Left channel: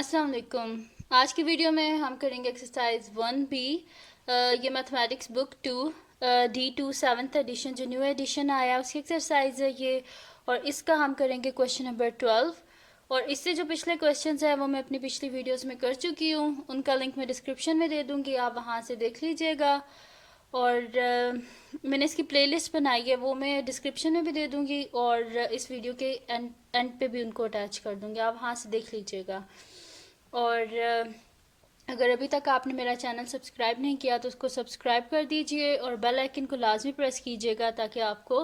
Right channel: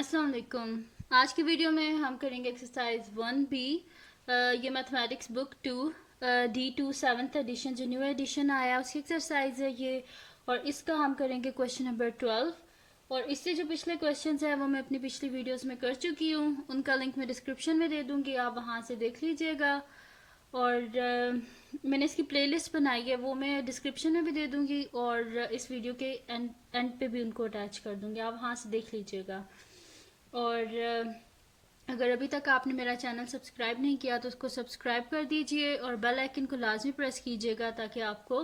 अस्सलाम वालेकुम। आज की वीडियो में हम करेंगे एक्सरसाइज 1B। ये mathematics book 2 D2 7th edition जो न्यू एडिशन आया उसकी एक्सरसाइज है ये। और इसका हम करेंगे क्वेश्चन नंबर 12। और इससे जो पिछले क्वेश्चंस हैं वो मैं अपनी पिछली वीडियोस में कर चुकी हूँ, उनका लिंक मैं डिस्क्रिप्शन में दे दूँगी, आप वहाँ से देख लीजिएगा। और मैंने इसकी प्लेलिस्ट बनाई है वो मैं डिस्क्रिप्शन में भी दे दूँगी और इस वीडियो के एंड पे भी उनको अटैच कर दूँगी, आप वहाँ से देख लीजिएगा। और अगर अभी तक आपने मेरा चैनल सब्सक्राइब नहीं किया तो उसको सब्सक्राइब कर दीजिए और बेल आइकन को लाजमी प्रेस कीजिएगा ताकि आपको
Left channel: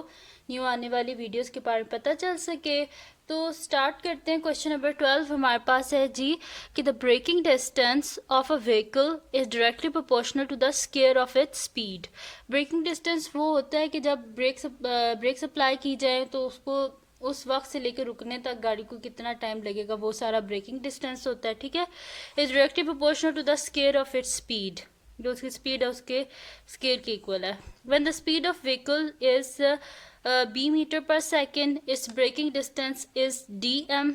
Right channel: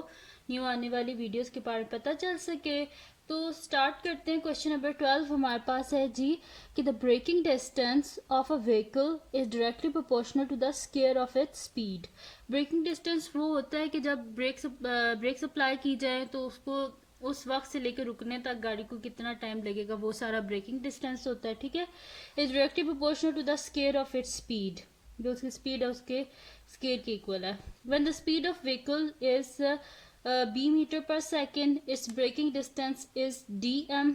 न्यू आने वाली वीडियोस के बारे में पता चल सके। तो स्टार्ट करते हैं। क्वेश्चन नंबर 12 हमारे पास है जी कि the braking distance of a vehicle is directly proportional to the square of its speed. Braking distance वो होता है कि जब ब्रेक अप्लाई की जाए तो उसको उस वक्त से लेकर रुकने तक गाड़ी को कितना टाइम लगेगा, वो सारा ब्रेकिंग डिस्टेंस होता है। ठीक है, is directly proportional to the square of its speed. जो उसकी स्पीड है उसके स्केयर के इक्वल है। When the speed of vehicle is b metre per second, its braking distance is dm.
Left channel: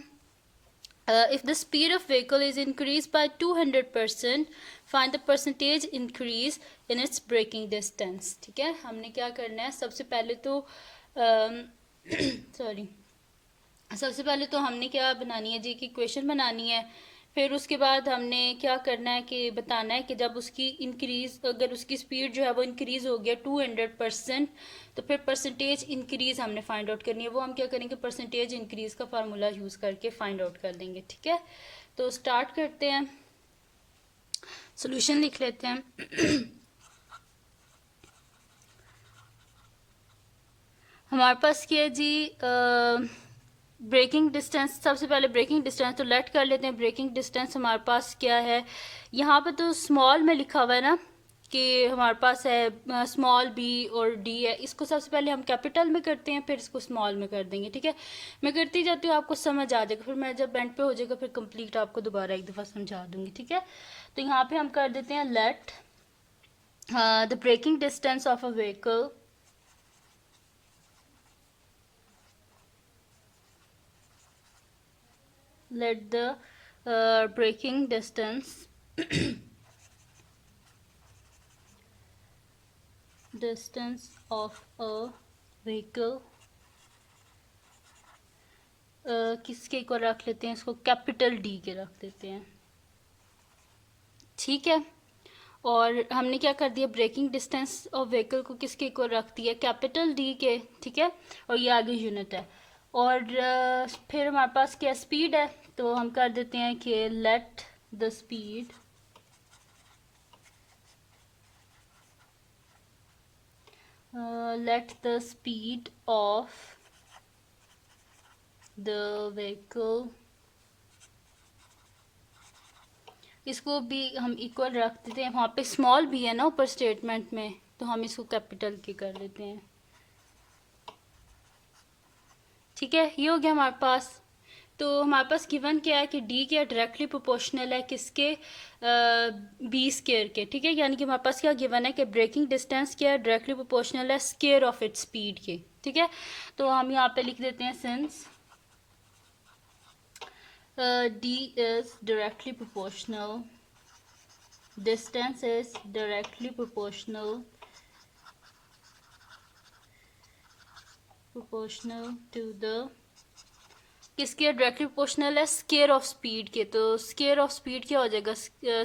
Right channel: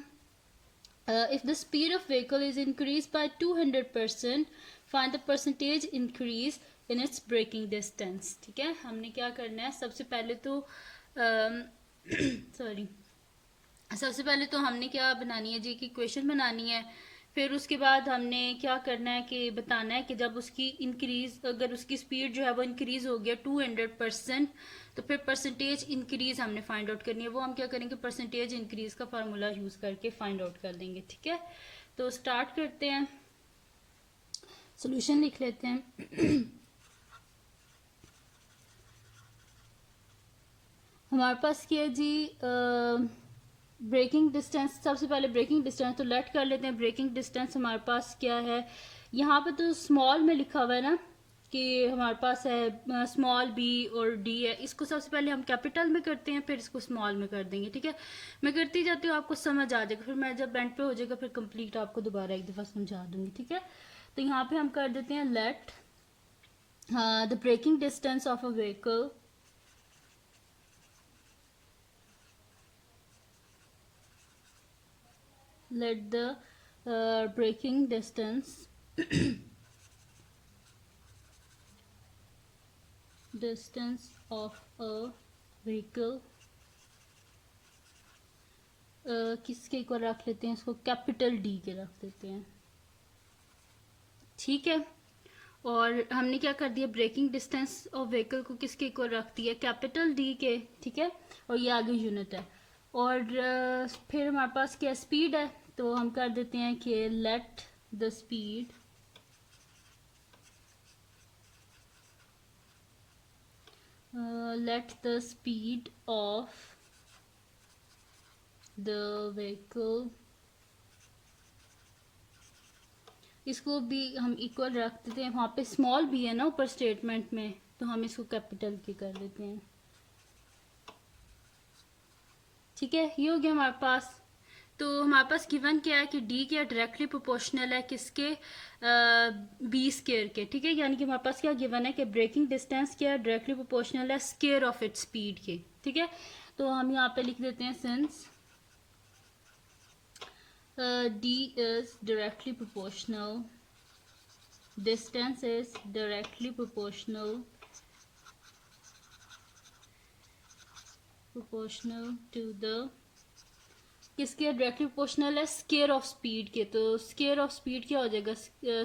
If the speed of vehicle is increased by 200%, find the percentage increase in its braking distance. ठीक है, हमने क्या करना है, सबसे पहले तो sorry सबसे पहले तो हमने क्या बनानी है जी की क्वेश्चन बनानी है। फिर उसके बाद हमने क्या करना है कि बताना है कि जब उसकी इंक्रीज, अगर उसकी स्पीड जो है वो इंक्रीज हो गया 200%, तो फिर परसेंटेज इंक्रीज हमने फाइंड आउट करनी है। वो हम क्या करेंगे, परसेंटेज इंक्रीज का फार्मूला यूज करके फाइंड आउट कर लेंगे। ठीक है, तो स्टार्ट करते हैं, सोल्यूशन लिख लेते हैं। हमारे पास क्या है जी, ब्रेकिंग डिस्टेंस, सबसे पहले ब्रेकिंग डिस्टेंस तो लेट कर लेते हैं। ब्रेकिंग डिस्टेंस हमारे पास क्या है, यहाँ पे तो स्मॉल में लिखा हुआ है ना कि हमारे पास है स्मॉल b और d है। इसको सबसे पहले हम कैपिटल में करते हैं, फिर इसको स्मॉल में कर देंगे। ठीक है, मैं करती जाती हूँ, आपको समझ आ जाएगा, फिर मैं जब एंड पे हो जाएगा फिर कंप्लीट आपको दोबारा एक दफ़ा समझा दूंगी। ठीक है, तो यहाँ पे हम कर देते हैं let the braking distance of a vehicle let the braking distance of a vehicle किसके को रख लेते हैं, इसको कैपिटल डी के रख देते हैं। ठीक है, और हमने क्या कर दिया, ब्रेकिंग डिस्टेंस ऑफ व्हीकल को किसके को रख दिया, कैपिटल डी के। ठीक है, और ये आगे यूनिट है। और फिर हमारे पास क्या स्पीड है, तो हम कर देते हैं कि let the speed of the vehicle, इसको भी हम इक्वल रख देते हैं। वहाँ पे स्मॉल भी है ना ऊपर स्टेटमेंट में, तो हम इसको कैपिटल के कर देते हैं। ठीक है, ये हो गया हमारे पास। तो हमारे पास गिवन क्या है कि डी क्या डायरेक्टली प्रोपोर्शनल है किसके, बी स्केयर के। ठीक है, यानी कि हमारे पास क्या गिवन है कि ब्रेकिंग डिस्टेंस क्या डायरेक्टली प्रोपोर्शनल है स्केयर ऑफ इट्स स्पीड के। ठीक है, तो हम यहाँ पे लिख देते हैं since D is directly proportional, distance is directly proportional to the, किसके डायरेक्टली प्रोपोर्शनल है, स्केयर ऑफ स्पीड के। तो स्केयर ऑफ स्पीड क्या हो जाएगा,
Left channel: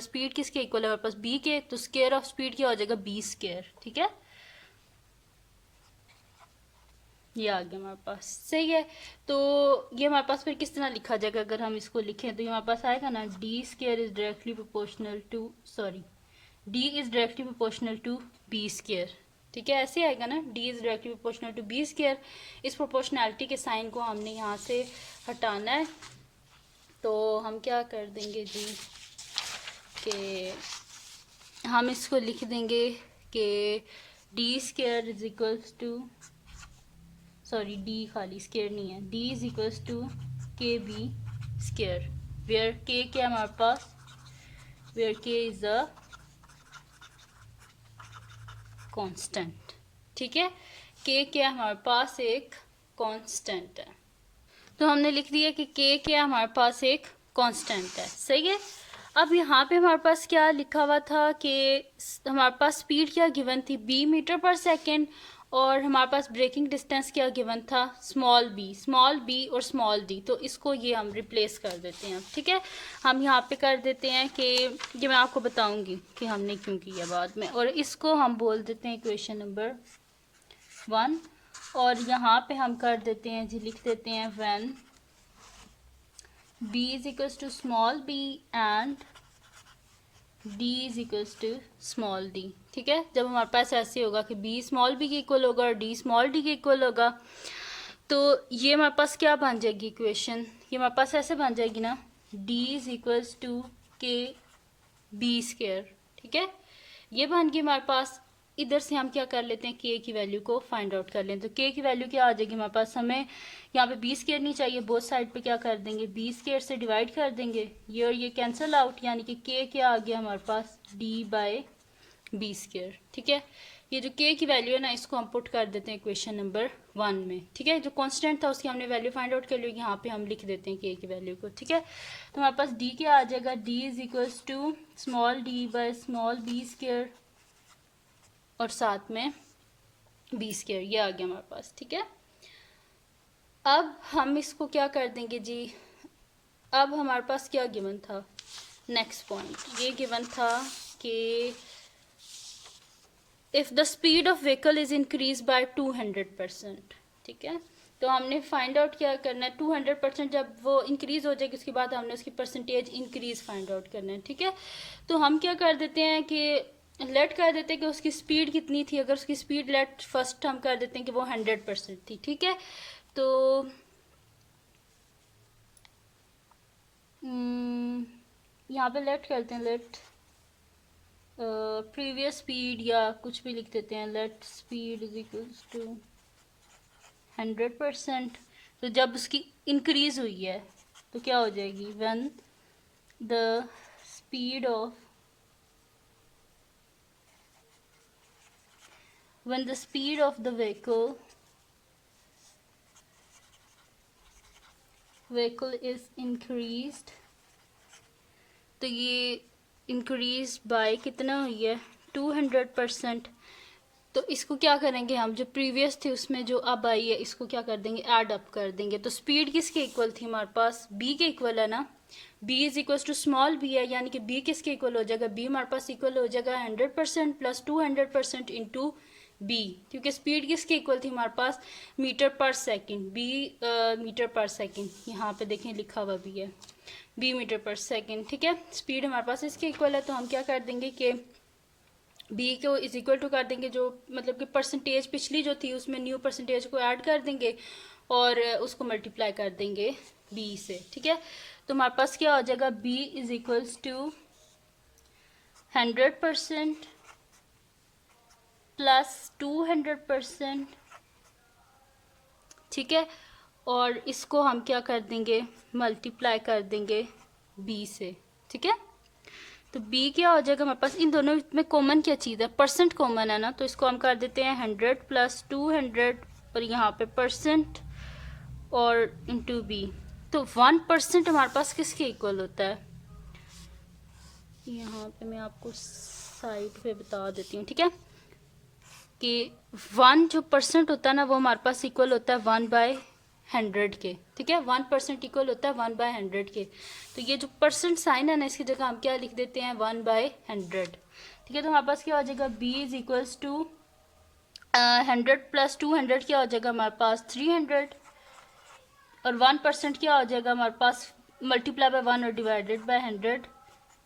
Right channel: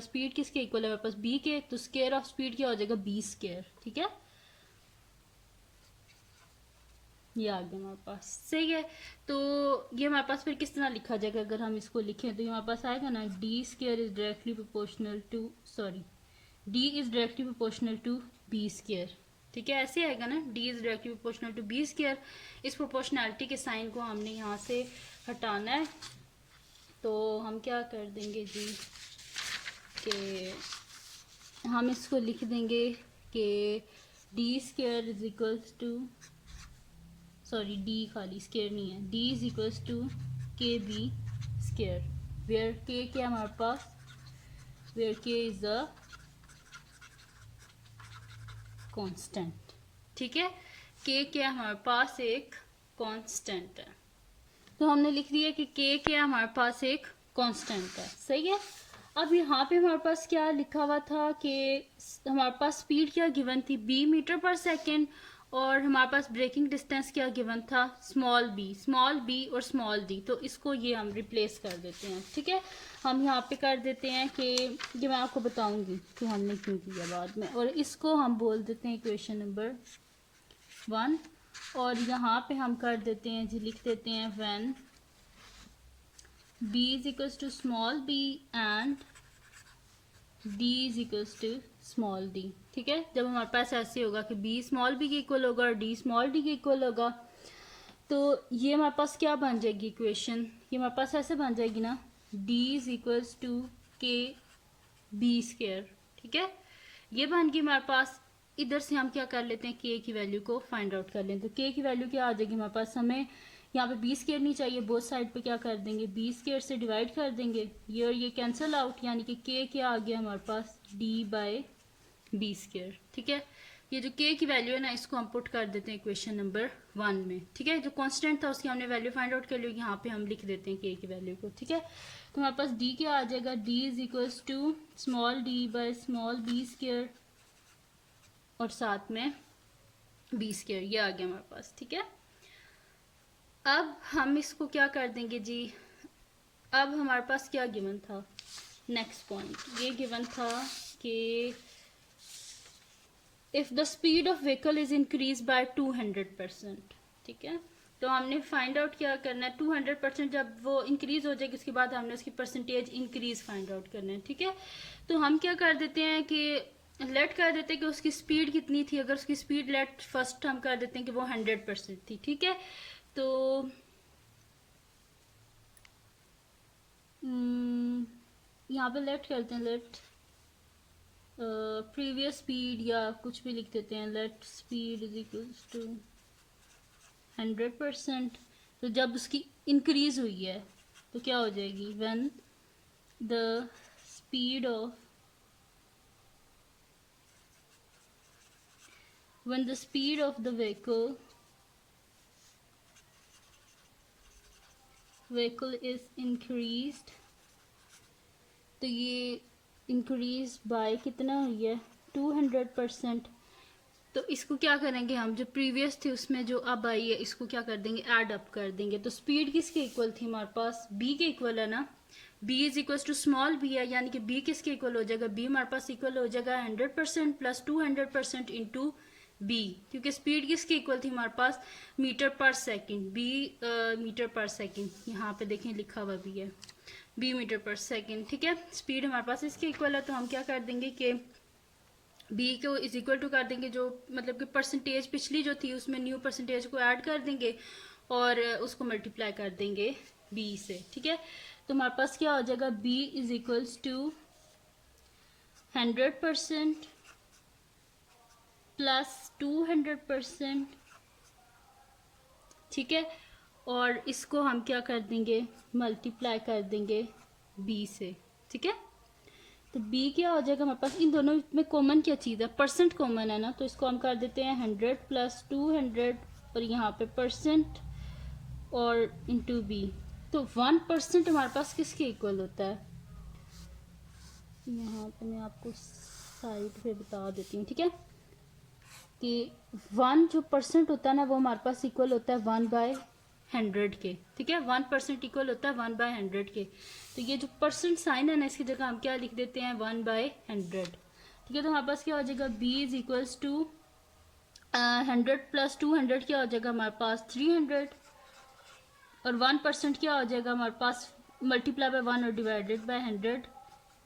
स्पीड किसके इक्वल है हमारे पास, बी के, तो स्केयर ऑफ स्पीड क्या हो जाएगा, बी स्केयर। ठीक है, ये आ गया हमारे पास। सही है, तो ये हमारे पास फिर किस तरह लिखा जाएगा, अगर हम इसको लिखें तो ये हमारे पास आएगा ना, d square is directly proportional to, sorry d is directly proportional to b square. ठीक है, ऐसे आएगा ना, d is directly proportional to b square. इस प्रोपोर्शनैलिटी के साइन को हमने यहाँ से हटाना है, तो हम क्या कर देंगे जी कि हम इसको लिख देंगे कि d square is equals to, sorry d खाली स्केयर नहीं है, d is equals to k b square, where k क्या हमारे पास, where k is a constant. ठीक है, के क्या हमारे पास एक कांस्टेंट है, तो हमने लिख दिया कि के क्या हमारे पास एक कांस्टेंट है, सही है। अब यहाँ पे हमारे पास क्या लिखा हुआ था कि हमारे पास स्पीड क्या गिवन थी, b मीटर पर सेकेंड, और हमारे पास ब्रेकिंग डिस्टेंस क्या गिवन था, स्मॉल b और स्मॉल d। तो इसको ये हम रिप्लेस कर देते हैं, ठीक है। हम यहाँ पे कर देते हैं कि ये मैं आपको बताऊंगी कि हमने क्यों किया बाद में, और इसको हम बोल देते हैं इक्वेशन नंबर 1। और यहाँ पे हम कर देते हैं जी, लिख देते हैं when b is equals to small b and d is equals to small d, ठीक है। जब हमारे पास ऐसे होगा कि b स्मॉल b के इक्वल होगा और d स्मॉल d के इक्वल होगा, तो ये हमारे पास क्या बन जाएगी इक्वेशन, ये हमारे पास ऐसे बन जाएगी ना, d is equals to k B square, ठीक है। ये बन गई हमारे पास। इधर से हम क्या कर लेते हैं, k की वैल्यू को फाइंड आउट कर लें। तो k की वैल्यू क्या आ जाएगी हमारे पास, हमें यहाँ पे बी स्क्वायर नहीं चाहिए, बोथ साइड पे क्या कर देंगे, बी स्क्वायर से डिवाइड कर देंगे, ये और ये कैंसिल आउट, यानी कि k क्या आ गया हमारे पास, d बाय बी स्क्वायर, ठीक है। ये जो k की वैल्यू है ना, इसको हम पुट कर देते हैं इक्वेशन नंबर 1 में, ठीक है। जो कांस्टेंट था उसकी हमने वैल्यू फाइंड आउट कर ली, यहाँ पे हम लिख देते हैं k की वैल्यू को, ठीक है। तो हमारे पास d क्या आ जाएगा, d is equals to small d by small b square और साथ में बी स्क्वायर, ये आ गया हमारे पास, ठीक है। अब हम इसको क्या कर देंगे जी, अब हमारे पास क्या गिवन था, नेक्स्ट पॉइंट ये गिवन था कि if the speed of vehicle is increase by 200%, ठीक है। तो हमने फाइंड आउट क्या करना है, 200%, जब वो इंक्रीज हो जाएगी उसके बाद हमने उसकी परसेंटेज इंक्रीज फाइंड आउट करना है, ठीक है। तो हम क्या कर देते हैं कि लेट कर देते हैं कि उसकी स्पीड कितनी थी, अगर उसकी स्पीड लेट फर्स्ट हम कर देते हैं कि वो 100% थी, ठीक है। तो यहाँ पे लेट करते हैं, लेट प्रीवियस स्पीड या कुछ भी लिख देते हैं, let speed is equals to 100%। तो जब उसकी इंक्रीज हुई है तो क्या हो जाएगी, when the speed of when the speed of the vehicle is increased, तो ये इंक्रीज बाय कितना हुई है, 200%। तो इसको क्या करेंगे हम, जो प्रीवियस थी उसमें जो अब आई है इसको क्या कर देंगे, ऐड अप कर देंगे। तो स्पीड किसके इक्वल थी हमारे पास, b के इक्वल है ना, b is equal to small b है, यानी कि b किसके इक्वल हो जाएगा, b हमारे पास इक्वल हो जाएगा 100% प्लस 200% इंटू b, क्योंकि स्पीड किसके इक्वल थी हमारे पास, metre per second, b metre per second, यहाँ पे देखें लिखा हुआ भी है b मीटर पर सेकेंड, ठीक है। स्पीड हमारे पास इसके इक्वल है, तो हम क्या कर देंगे कि b को इज इक्वल टू कर देंगे, जो मतलब कि परसेंटेज पिछली जो थी उसमें न्यू परसेंटेज को ऐड कर देंगे और उसको मल्टीप्लाई कर देंगे b से, ठीक है। तो हमारे पास क्या हो जाएगा, b is equals to 100% plus 200%, ठीक है। और इसको हम क्या कर देंगे, मल्टीप्लाई कर देंगे b से, ठीक है। तो b क्या हो जाएगा हमारे पास, इन दोनों में कॉमन क्या चीज़ है, परसेंट कॉमन है ना, तो इसको हम कर देते हैं 100 प्लस 200 और यहाँ पे परसेंट और इंटू b। तो 1% हमारे पास किसके इक्वल होता है, यहाँ पे मैं आपको साइड पे बता देती हूँ, ठीक है, कि 1 जो परसेंट होता है ना वो हमारे पास इक्वल होता है 1/100 के, ठीक है। 1% इक्वल होता है 1/100 के। तो ये जो परसेंट साइन है ना, इसकी जगह हम क्या लिख देते हैं, 1/100, ठीक है। तो हमारे पास क्या हो जाएगा, b is equals to 100 plus 200 क्या हो जाएगा हमारे पास 300, और 1% क्या हो जाएगा हमारे पास, मल्टीप्लाई बाय 1 और डिवाइडेड बाय 100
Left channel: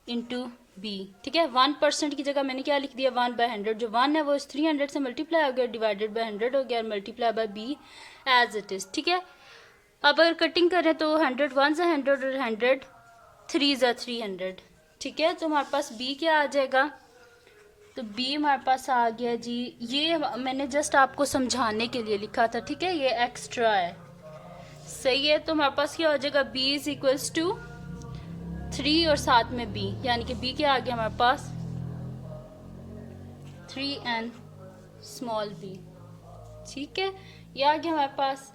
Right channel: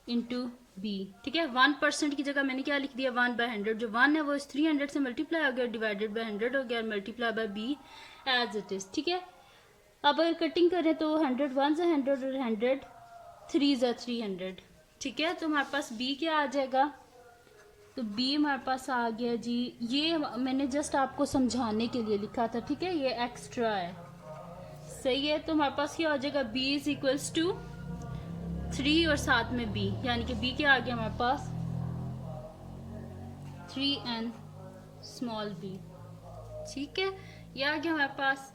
इंटू b, ठीक है। 1% की जगह मैंने क्या लिख दिया, 1/100, जो 1 है वो इस 300 से मल्टीप्लाई हो गया, डिवाइडेड बाय 100 हो गया, और multiply by b as it is, ठीक है। अब अगर कटिंग करें तो 100 1 से 100 और 100 3 से 300, ठीक है। तो हमारे पास b क्या आ जाएगा, तो b हमारे पास आ गया जी, ये मैंने जस्ट आपको समझाने के लिए लिखा था, ठीक है, ये एक्स्ट्रा है, सही है। तो हमारे पास क्या हो जाएगा, b इज इक्वल्स टू 3 और साथ में b, यानी कि b क्या आ गया हमारे पास 3n स्मॉल b, ठीक है, ये आ गया हमारे पास।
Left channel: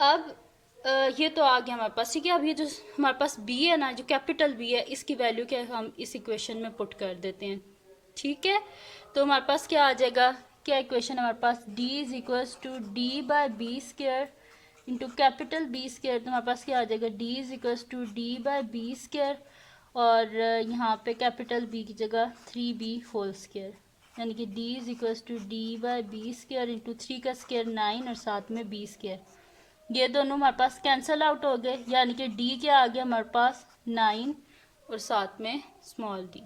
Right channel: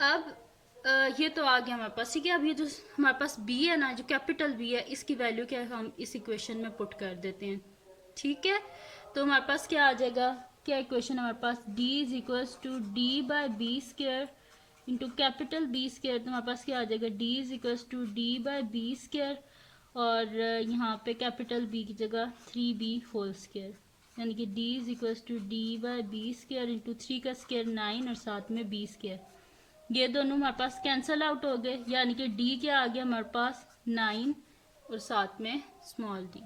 अब ये तो आ गया हमारे पास, ठीक है। अब ये जो हमारे पास बी है ना, जो कैपिटल बी है, इसकी वैल्यू क्या है हम इस इक्वेशन में पुट कर देते हैं, ठीक है। तो हमारे पास क्या आ जाएगा, क्या इक्वेशन हमारे पास, d is equals to d by b square into capital b square. तो हमारे पास क्या आ जाएगा, d is equals to d by b square, और यहाँ पे कैपिटल बी की जगह 3b होल स्क्र, यानी कि d is equals to d by b square into 3 का स्क्र 9 और साथ में b स्क्र। ये दोनों हमारे पास कैंसल आउट हो गए, यानी कि d क्या आ गया हमारे पास 9 और साथ में स्मॉल d।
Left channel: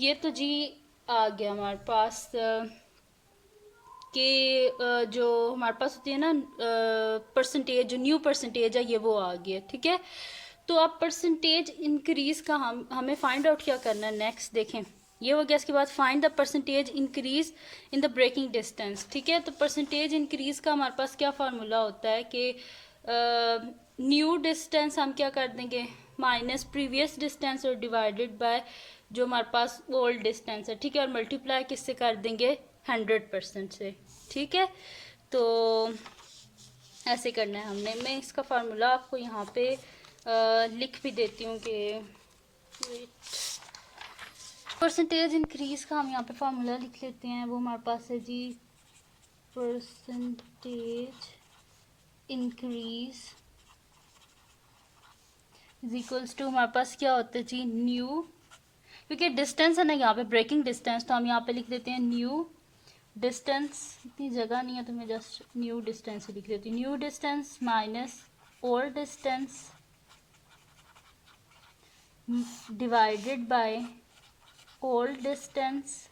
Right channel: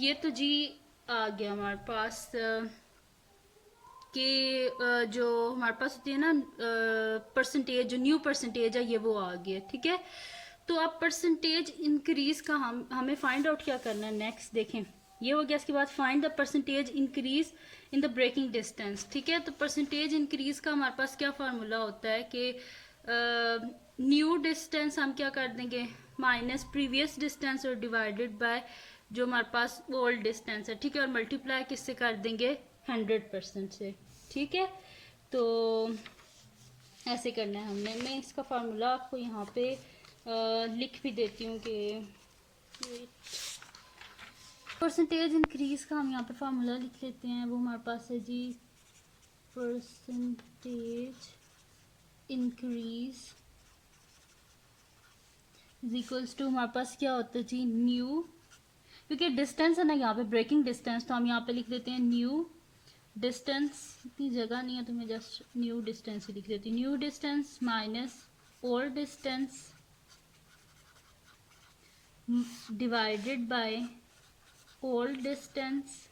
ये तो जी आ गया हमारे पास कि जो हमारे पास होती है ना परसेंटेज, जो न्यू परसेंटेज है ये वो आ गया, ठीक है। तो अब परसेंटेज इंक्रीज का हमें फाइंड आउट क्या करना है नेक्स्ट, देखें। ये हो गया, इसके बाद find the percentage increase in the braking distance, ठीक है। तो परसेंटेज इंक्रीज का हमारे पास क्या फार्मूला होता है कि न्यू डिस्टेंस हम क्या कर देंगे, माइनस प्रीवियस डिस्टेंस और डिवाइडेड बाय जो हमारे पास ओल्ड डिस्टेंस है, ठीक है, और मल्टीप्लाई किससे कर देंगे, 100% से, ठीक है। तो ऐसे करना है हमने। मैं इसका फार्मूला आपको यहाँ पे लिख भी देती हूँ कि परसेंटेज इंक्रीज का हम यहाँ पे फार्मूला लिख लेते हैं। वो हमारे पास है जी, percentage increase is equals to, हमारे पास क्या होता है जी, न्यू, क्योंकि डिस्टेंस है ना यहाँ पे ब्रेकिंग डिस्टेंस, तो हम यहाँ पे लिख देते हैं न्यू डिस्टेंस। इतनी जगह नहीं है तो मैं जस्ट न्यू डिस्टेंस ही लिख देती हूँ, new distance minus old distance divided by old distance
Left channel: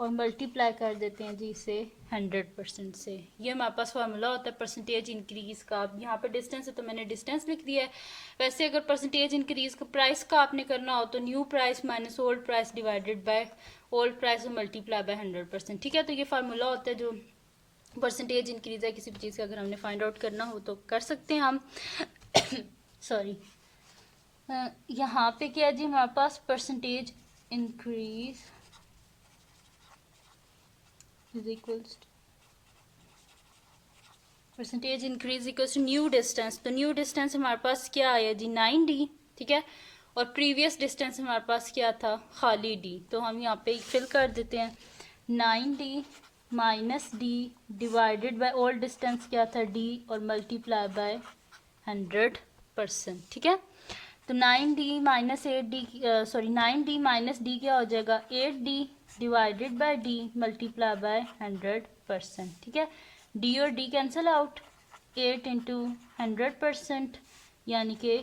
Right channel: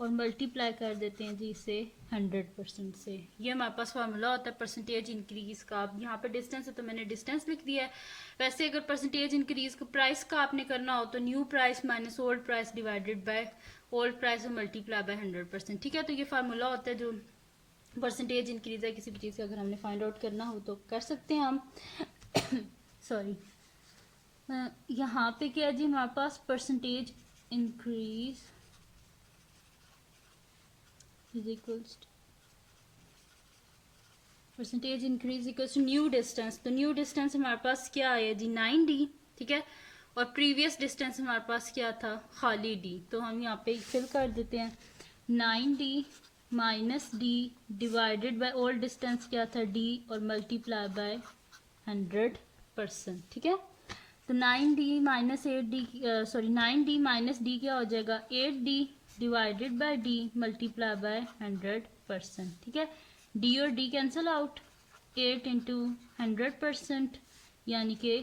और मल्टीप्लाई कर देते हैं जी इसे 100% से। ये हमारे पास फार्मूला होता है परसेंटेज इंक्रीज का। अब यहाँ पे डिस्टेंस है तो मैंने डिस्टेंस लिख दिया है। वैसे अगर परसेंटेज इंक्रीज का प्राइस का आपने करना हो तो new price minus old price divided by old price और मल्टीप्लाई बाय 100%, ठीक है। तो ये फार्मूला होता है जो परसेंटेज इंक्रीज है किसी भी चीज़ का अगर हमने फाइंड आउट करना हो तो कर सकते हैं हम। सॉरी, यहाँ पे क्या है जी, हमारे पास percentage increase is equals to percentage increase equals to new distance. तो न्यू डिस्टेंस हमारे पास क्या आया जी, 9d, ठीक है। और प्रीवियस डिस्टेंस हमारे पास क्या था, खाली d। तो हम यहाँ पे फिल कर देते हैं, 9d minus d divided by old distance क्या था d और मल्टीप्लाई बाय 100%, ठीक है। तो 9d minus 8d, sorry 9d minus d क्या हो जाएगा, 8d divided by d multiply by 100%, ठीक है। d और d कैंसिल आउट, 8 इंटू 100% यानी कि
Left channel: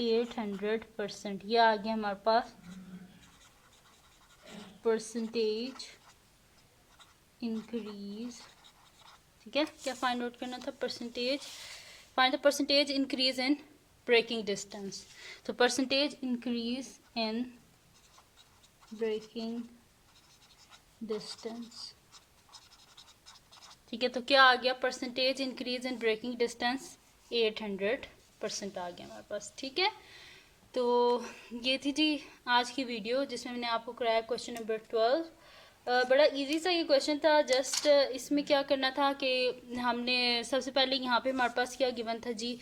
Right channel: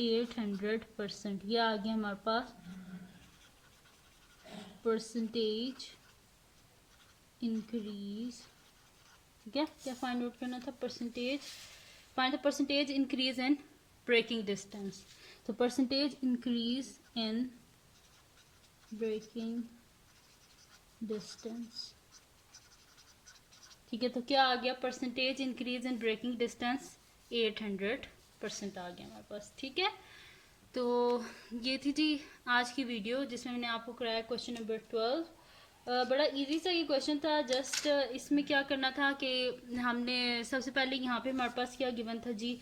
800%। ये आ गया हमारे पास परसेंटेज इंक्रीज, ठीक है। क्या फाइंड आउट करना था, percentage, find the percentage increase in braking distance. तो percentage increase in braking distance, ठीक है। तो क्या आ गया, percentage increase in braking distance 800% आ गया हमारे पास, ठीक है। तो ये थी जी आज की वीडियो जिसमें मैंने आपको कराया क्वेश्चन नंबर 12। बड़ा इजी सा ये क्वेश्चन था। जस्ट इसमें क्या करना था कि हमने सबसे पहले यहाँ पे हमारे पास क्या गिवन था जी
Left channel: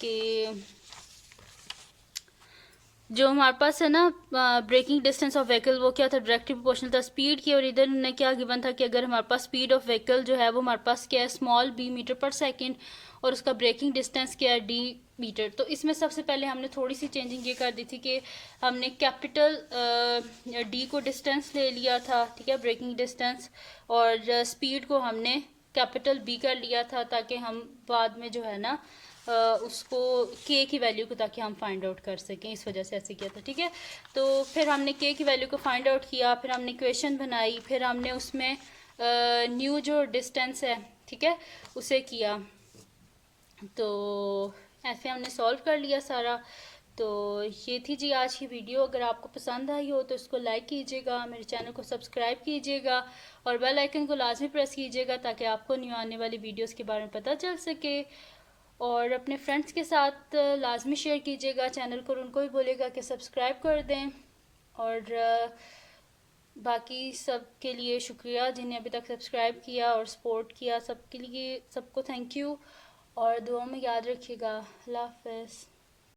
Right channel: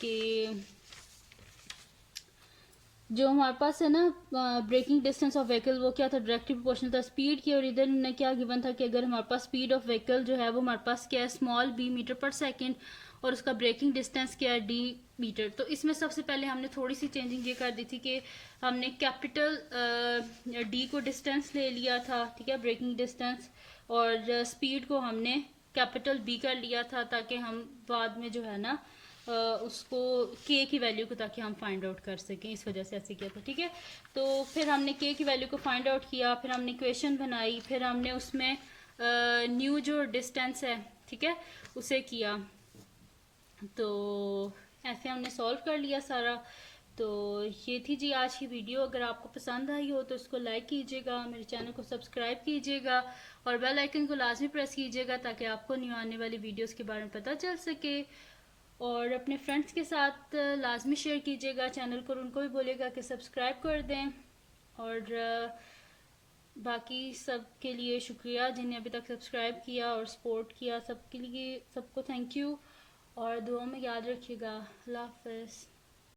कि जो हमारे पास है ना ब्रेकिंग डिस्टेंस ऑफ व्हीकल वो क्या था, डायरेक्टली प्रोपोर्शनल था स्पीड की। और इधर हमने क्या गिवन था कि अगर हमारे पास स्पीड ऑफ व्हीकल जो है वो हमारे पास क्या है, स्मॉल b मीटर पर सेकंड, और उसका ब्रेकिंग डिस्टेंस क्या है, d मीटर। तो इसमें सबसे पहले हमने थोड़ी सी चेंजिंग ये कर दी थी कि हमने कैपिटल d को डिस्टेंस ले लिया था, ठीक है, ब्रेकिंग डिस्टेंस, और स्पीड को हमने कैपिटल b कर लिया था ताकि हम बाद में जो है ना उसको k की वैल्यू को ताकि हम फाइंड आउट कर सकें, इस वजह से ऐसे किया था, ठीक है। तो फिर हमने k की वैल्यू को फाइंड आउट किया, फिर हमने इक्वेशन बनाई, फिर हमने उसमें न्यू जो डिस्टेंस है, ठीक है, उसे किया। तो ऐसे हमने सॉल्व कर लिया सारा। तो ये थी जी आज की वीडियो। अगर आपको पसंद आई हो तो इसको लाइक कीजिएगा, मेरे चैनल को सब्सक्राइब कीजिएगा और बेल आइकन को लाजमी प्रेस कीजिएगा ताकि आपको न्यू आने वाली वीडियोस के बारे में पता चल सके। और अपने फ्रेंड्स के साथ लाजमी शेयर कीजिएगा चैनल को, उनको भी बोलेगा कि सब्सक्राइब कर दें। और बाकी सब के लिए शुक्रिया जिन्हें अभी तक सब्सक्राइब किया और सपोर्ट किया, सबके लिए सबको थैंक यू। और दुआ में याद रखिएगा। अल्लाह हाफ़िज़।